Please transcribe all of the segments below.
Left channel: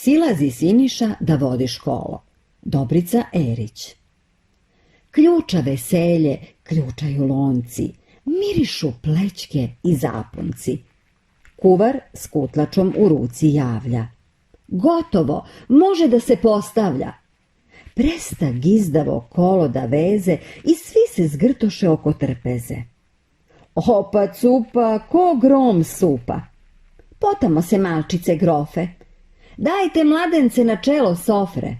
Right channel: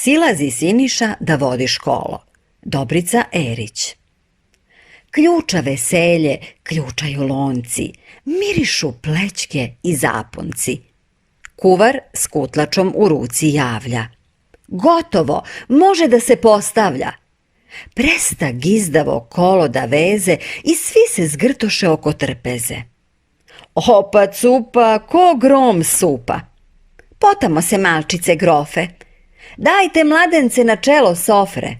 Silazi Siniša da vodi školo. Dobrica Erić. Ključa veselje, ključaju lonci, mirišu plećke i zapunci. Kuvar s kutlačom u ruci javlja. Gotovo, može da se postavlja. Presta gizdavo kolo da veze i svi se zgrtoše oko trpeze. Opa cupa, ko grom supa. Potamo se malčice grofe. Dajte mladence na čelo sofre.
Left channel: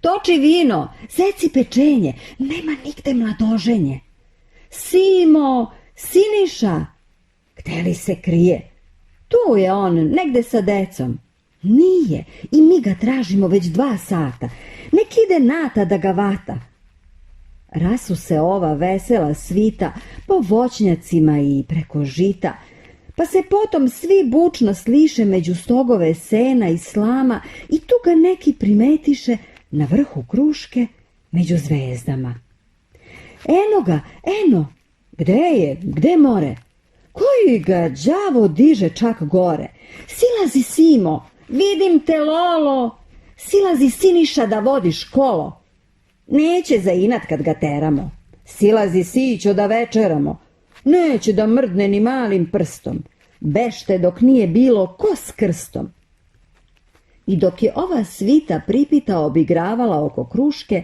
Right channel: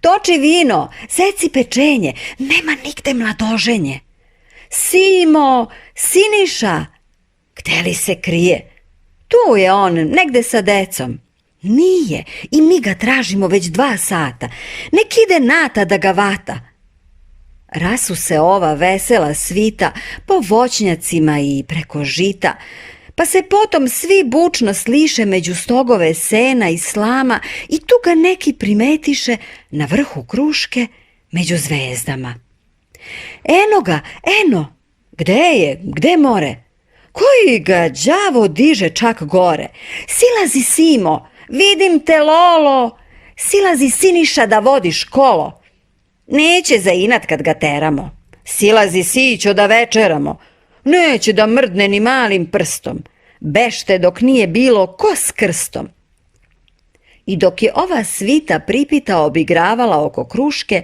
Toči vino, seci pečenje, nema nigde mladoženje. Simo, Siniša, gde li se krije? Tu je on, negde sa decom. Nije, i mi ga tražimo već 2 sata. Nek ide Nata da ga vata. Rasu se ova vesela svita po voćnjacima i preko žita, pa se potom svi bučno sliše među stogove sena i slama i tu ga neki primetiše na vrhu kruške među zvezdama. Eno ga, eno, gde je, gde more? Koji ga đavo diže čak gore? Silazi Simo, vidim te Lolo, silazi Siniša da vodi školo. Neće za inat kad ga teramo, silazi Sićo da večeramo. Neće da mrdne ni malim prstom, bešte dok nije bilo ko s krstom. I dok je ova svita pripita obigravala oko kruške,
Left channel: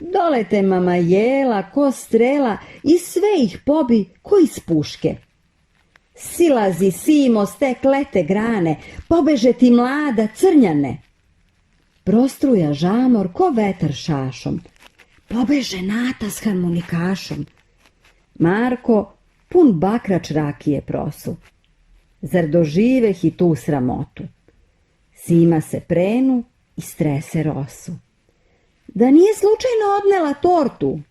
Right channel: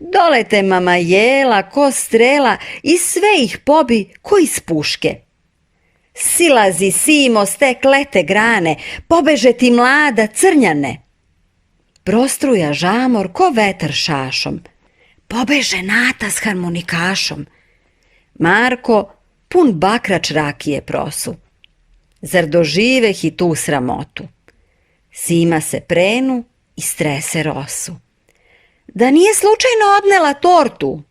dolete mama jela ko strela i sve ih pobi ko iz puške. Silazi Simo s te klete grane, pobeže ti mlada crnjane. Prostruja žamor ko vetar šašom, pobeže Nata s harmonikašom. Marko pun bakrač rakije prosu. Zar doživeh i tu sramotu? Sima se prenu i strese rosu. Da nije slučajno odnela tortu?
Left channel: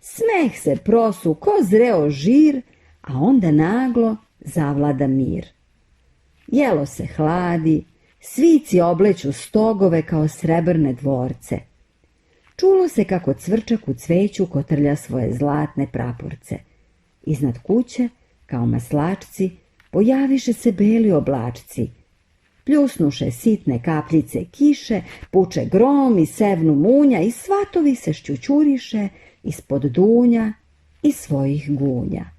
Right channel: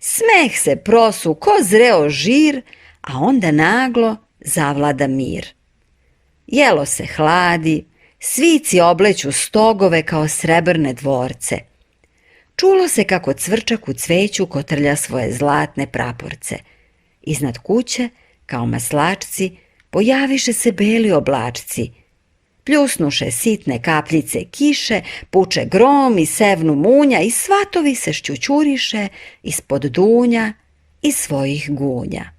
Smeh se prosu ko zreo žir, a onda naglo zavlada mir. Jelo se hladi, svici obleću stogove kao srebrne dvorce. Čulo se kako cvrčak u cveću kotrlja svoje zlatne praporce. Iznad kuće, kao maslačci, pojaviše se beli oblačci. Pljusnuše sitne kapljice kiše, puče grom i sevnu munja i svatovi se šćućuriše ispod dunja i svojih gunja.